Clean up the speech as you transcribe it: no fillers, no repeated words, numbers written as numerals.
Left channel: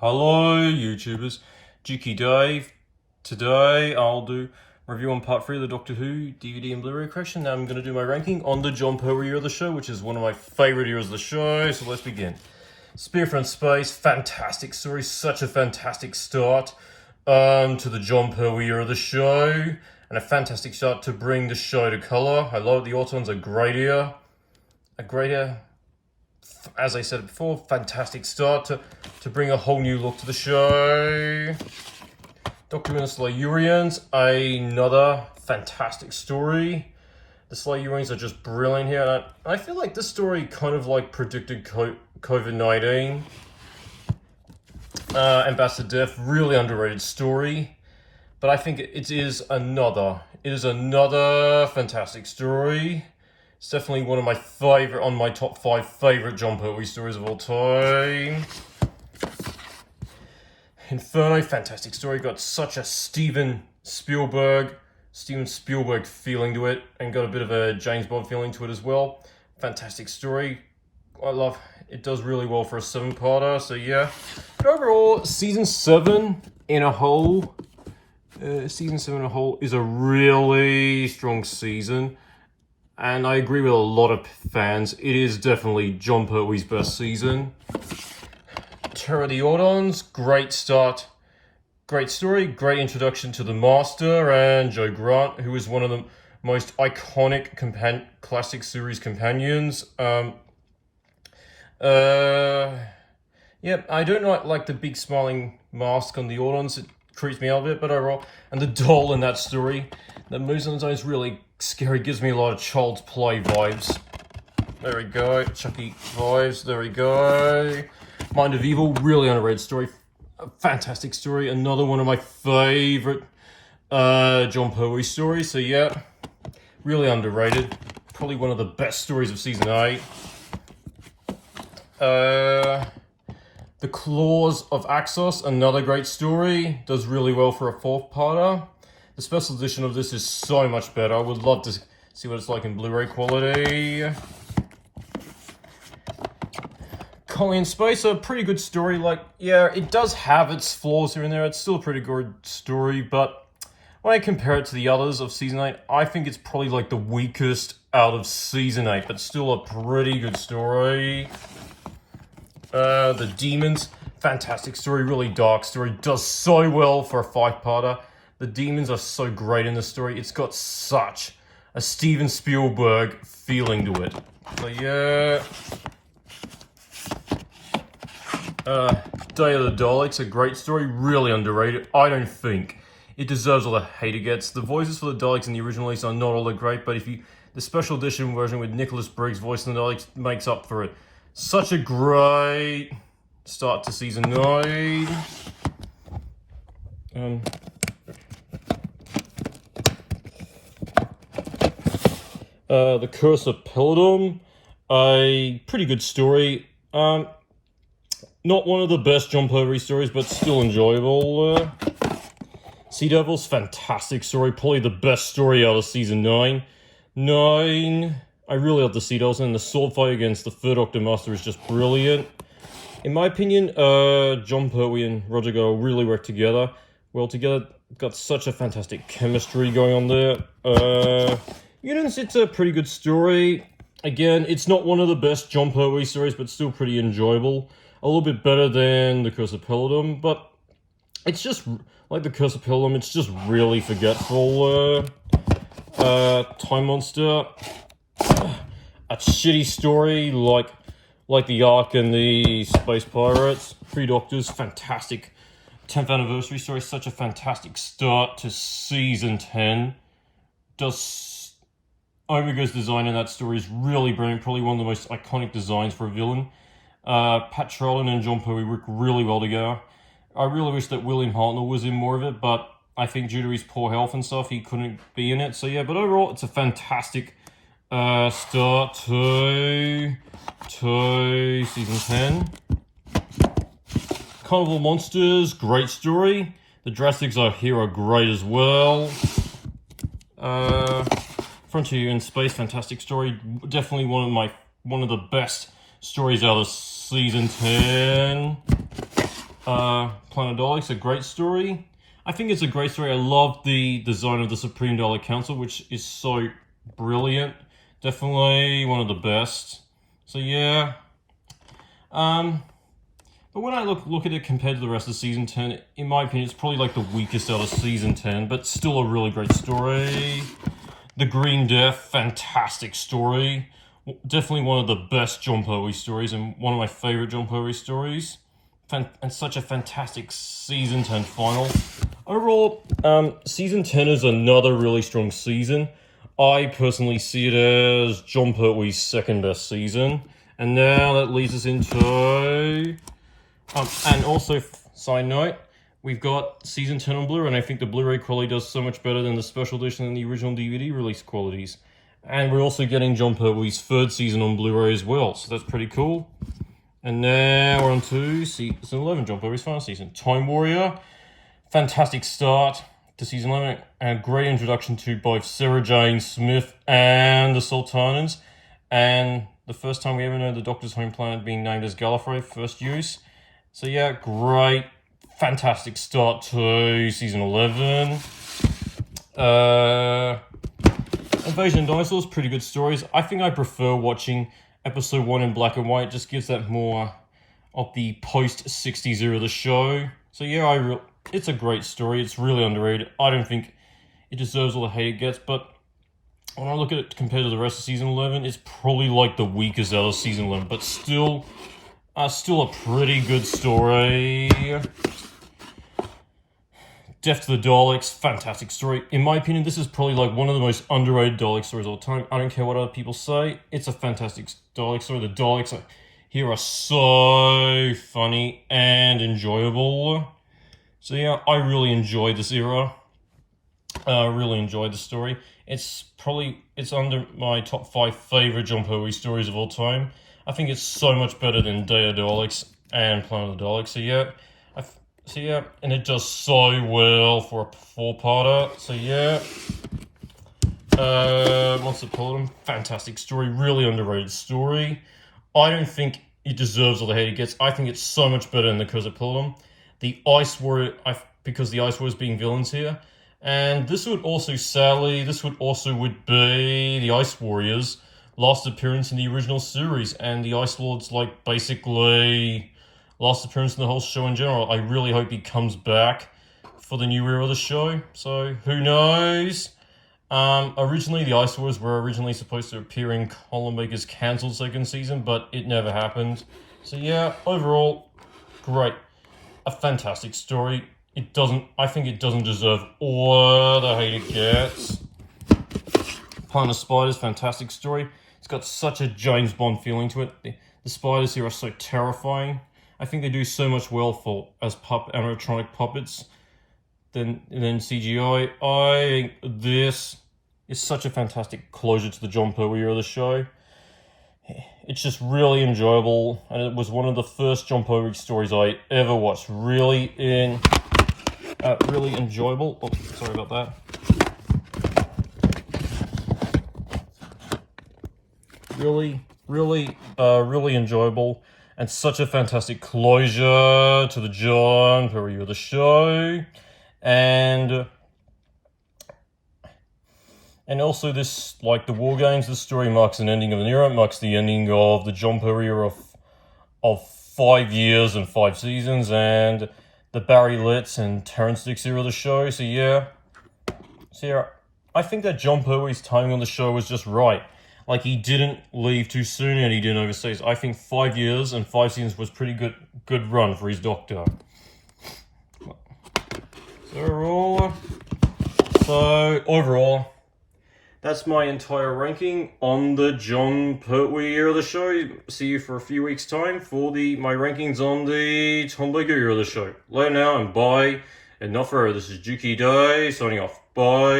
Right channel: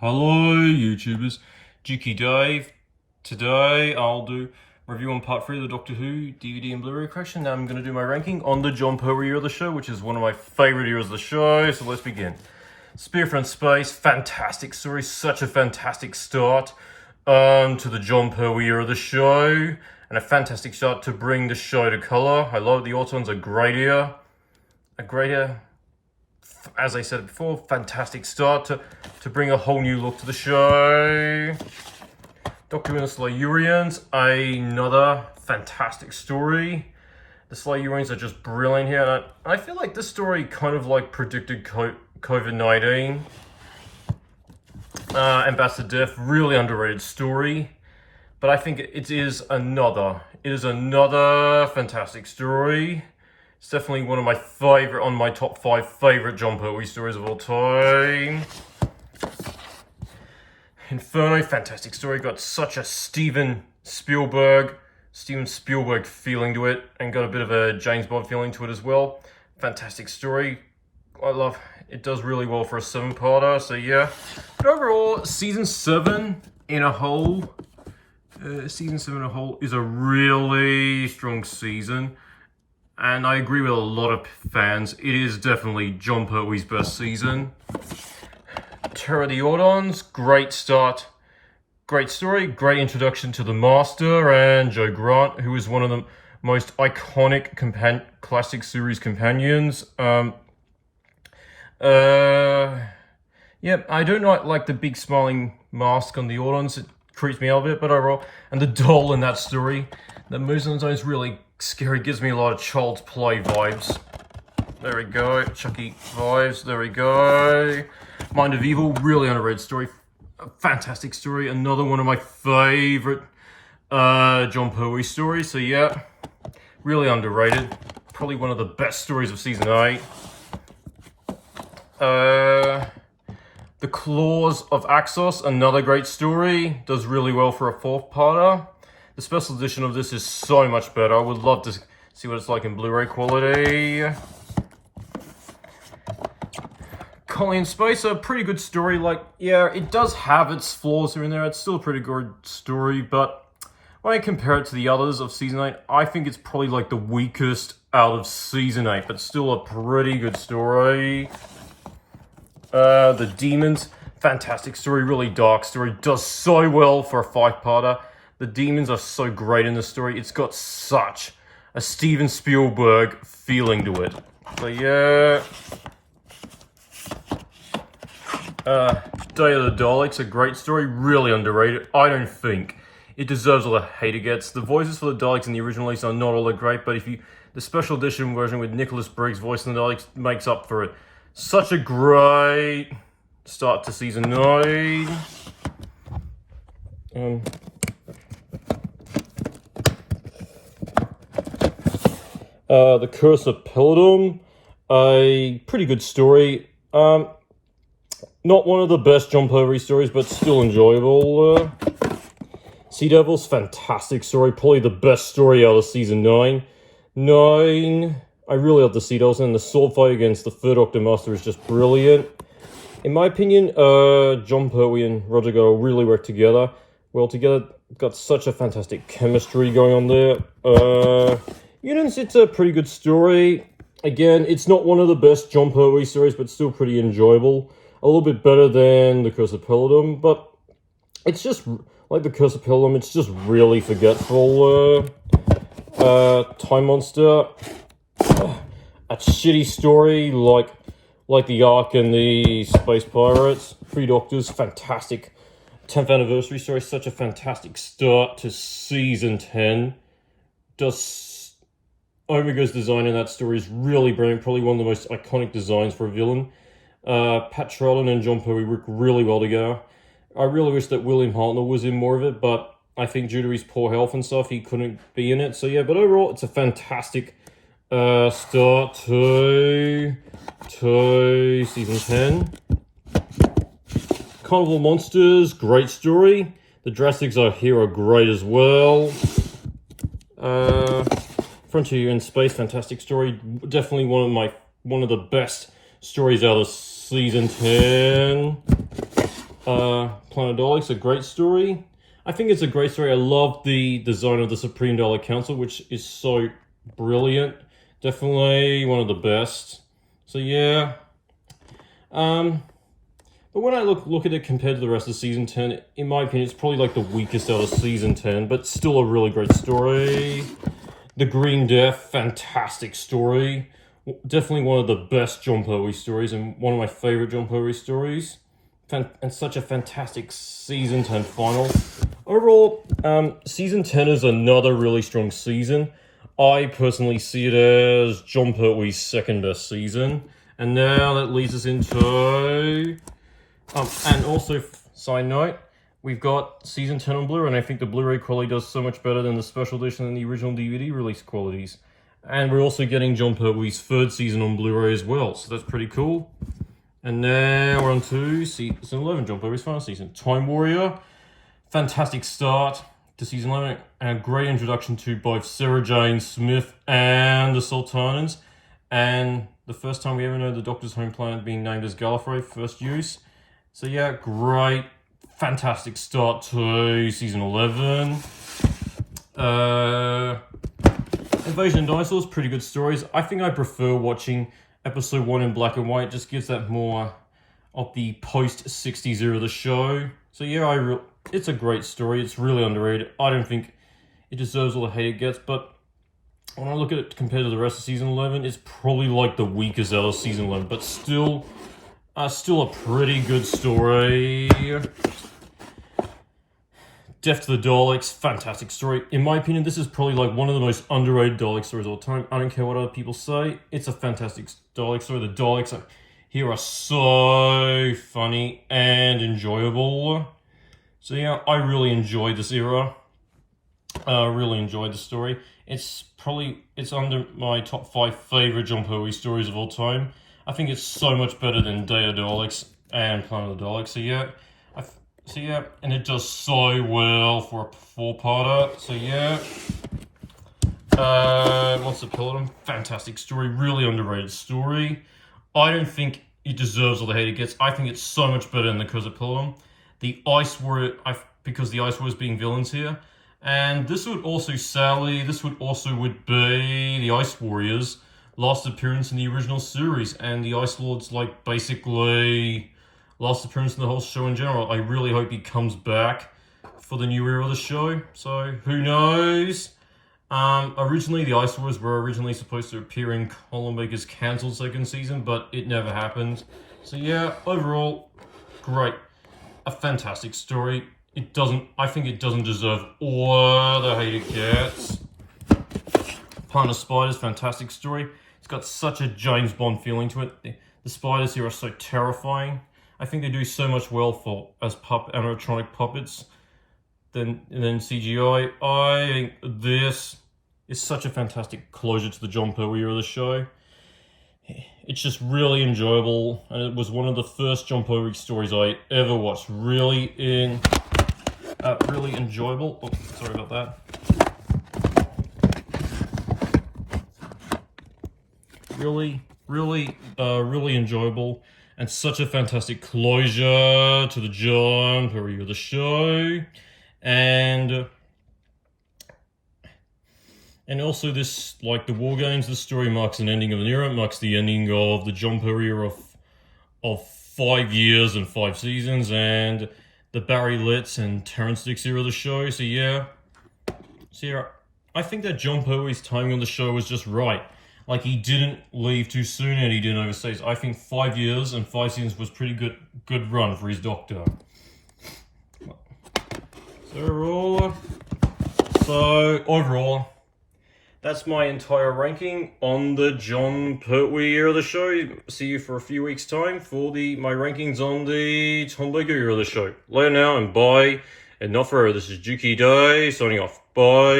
Hello YouTubers, Juki Dave. Today I'll do review on part 3 of the Doctor Who DVD and Blu-ray collection. Now I'm going to do my ranking on the John Pertwee era of the show, which is one of my favourite eras of the show, so let's begin. Spear from Space, fantastic story, such a fantastic start to the John Pertwee era of the show, and a fantastic start to bring the show to colour. I love it. The Autons are great here. As I said before, fantastic start to bring a whole new look to the show. Doctor Who and the Silurians, another fantastic story. The Silurians are just brilliant here. I feel like this story kind of like predicted COVID-19. Ambassador Death, really underrated story. But I think it is another fantastic story. It's definitely one of my on my top 5 favourite John Pertwee stories of all time. Inferno, fantastic story. Got such a Steven Spielberg feeling to it, and got a bit of a James Bond feeling to it as well. Fantastic story. I love it. Does really well for a 7-parter. So yeah. But overall, season 7 in a whole, is a really strong season. And I agree with a lot of fans. It is definitely John Pertwee's best season. Terror of the Autons, great start. Great story, great introduction to the Master and Joe Grant, who is one of the most iconic classic series companions. Yeah, I don't like the big smiling mask on the Autons. It creeps me out a bit, but overall. And the doll in that story that moves on its own is really scary. Gives me a lot of Child's Play vibes. There we go. Chucky vibes. There we go. Mind of Evil, really underrated story. A fantastic story. Another one of my favourite John Pertwee stories. So yeah, really underrated. Probably one of the best stories of season 8. The Claws of Axos, another great story. Does really well for a 4-parter. The special edition of this is so much better. I would love to see what it's like in Blu-ray quality. Colony in Space, a pretty good story. Yeah, it does have its flaws here and there. It's still a pretty good story, but when I compare it to the others of Season 8, I think it's probably like the weakest out of Season 8, but still a pretty good story. The Demons, fantastic story, really dark story. Does so well for a 5-parter. The demons are so great in the story. It's got such a Steven Spielberg feeling to it. So yeah. Day of the Daleks, a great story, really underrated. I don't think it deserves all the hate it gets. The voices for the Daleks in the original release are not all that great, but the special edition version with Nicholas Briggs voicing the Daleks makes up for it. Such a great start to season 9. The Curse of Peladon, a pretty good story. Not one of the best John Pertwee stories, but still enjoyable. Sea Devils, fantastic story. Probably the best story out of season 9. I really love the Sea Devils, and the sword fight against the Third Doctor Master is just brilliant. In my opinion, John Pertwee and Roger Goodell really work together. Got such a fantastic chemistry going on there. Units, it's a pretty good story. Again, it's not one of the best John Pertwee stories, but still pretty enjoyable. A little bit better than The Curse of Peladon, but it's just, like The Curse of Peladon, it's just really forgetful. Time Monster, a shitty story, like the Ark and the Space Pirates. 3 Doctors, fantastic 10th anniversary story, such a fantastic start to season 10. Omega's design in that story is really brilliant, probably one of the most iconic designs for a villain. Pat Charlton and John Pertwee work really well together. I really wish that William Hartnell was in more of it, but I think due to his poor health and stuff, he couldn't be in it. So yeah, but overall, it's a fantastic start to season 10. Carnival Monsters, great story. The Drastics are here are great as well. Frontier in Space, fantastic story. Definitely one of the best stories out of season 10. Planet Daleks, a great story. I think it's a great story. I love the design of the Supreme Dalek Council, which is so brilliant. Definitely one of the best. So yeah. But when I look at it compared to the rest of Season 10, in my opinion, it's probably like the weakest out of Season 10, but still a really great story. The Green Death, fantastic story. Definitely one of the best John Pertwee stories, and one of my favourite John Pertwee stories. And such a fantastic Season 10 final. Overall, Season 10 is another really strong season. I personally see it as John Pertwee's second best season. And now that leads us into... and also, side note, we've got Season 10 on Blu-ray, and I think the Blu-ray quality does so much better than the special edition and the original DVD release qualities. And we're also getting John Pertwee's third season on Blu-ray as well, so that's pretty cool. And now we're on to Season 11, John Pertwee's final season. Time Warrior, fantastic start to Season 11, and a great introduction to both Sarah Jane Smith and the Sultanas. And the first time we ever know the Doctor's home planet being named as Gallifrey, first use. So yeah, great, fantastic start to Season 11. Invasion of Dinosaurs, pretty good stories. I think I prefer watching Episode 1 in black and white. It just gives that more of the post-60s era of the show. So yeah, it's a great story. It's really underrated. I don't think it deserves all the hate it gets, but when I look at it compared to the rest of Season 11, it's probably like the weakest out of Season 11, but still a pretty good story. Death to the Daleks, fantastic story. In my opinion, this is probably like one of the most underrated Dalek stories of all time. I don't care what other people say. It's a fantastic Dalek story. The Daleks here are so funny and enjoyable. So yeah, I really enjoyed this era. Really enjoyed the story. It's under my top 5 favorite John Pertwee stories of all time. I think it's so much better than Day of the Daleks and Planet of the Daleks. So yeah, and it does so well for a 4-parter. So yeah, Monster Peloton, fantastic story, really underrated story. I don't think it deserves all the hate it gets. I think it's so much better than the Curse of Peloton. The Ice Warrior, because the Ice Warriors being villains here, and this would also would be the Ice Warriors' last appearance in the original series, and the Ice Lord's like basically last appearance in the whole show in general. I really hope he comes back for the new era of the show. So who knows? Originally, the Ice Wars were originally supposed to appear in Colin Baker's cancelled second season, but it never happened. So yeah, overall, great. A fantastic story. I think it doesn't deserve all the hate it gets. Planet of Spiders, fantastic story. It's got such a James Bond feeling to it. The spiders here are so terrifying. I think they do so much well as animatronic puppets than CGI. I think this is such a fantastic closure to the John Pertwee era of the show. It's just really enjoyable, and it was one of the first John Pertwee stories I ever watched. Really enjoyable. Oops, sorry about that. Really enjoyable, and such a fantastic closure to the John Pertwee of the show, and also this, like the War Games, this story marks an ending of an era. It marks the ending of the John Pertwee era of 5 years and 5 seasons, and the Barry Letts and Terrence Dicks era of the show. So yeah, I think that John Pertwee's timing on the show was just right. Like, he didn't leave too soon and he didn't overseas. I think 5 years and 5 seasons was pretty good run for his Doctor. So overall, that's my entire ranking on the John Pertwee era of the show. See you for a few weeks' time for my rankings on the Tom Baker era of the show. Later now, and bye. And not forever. This is Juki Day signing off. Bye.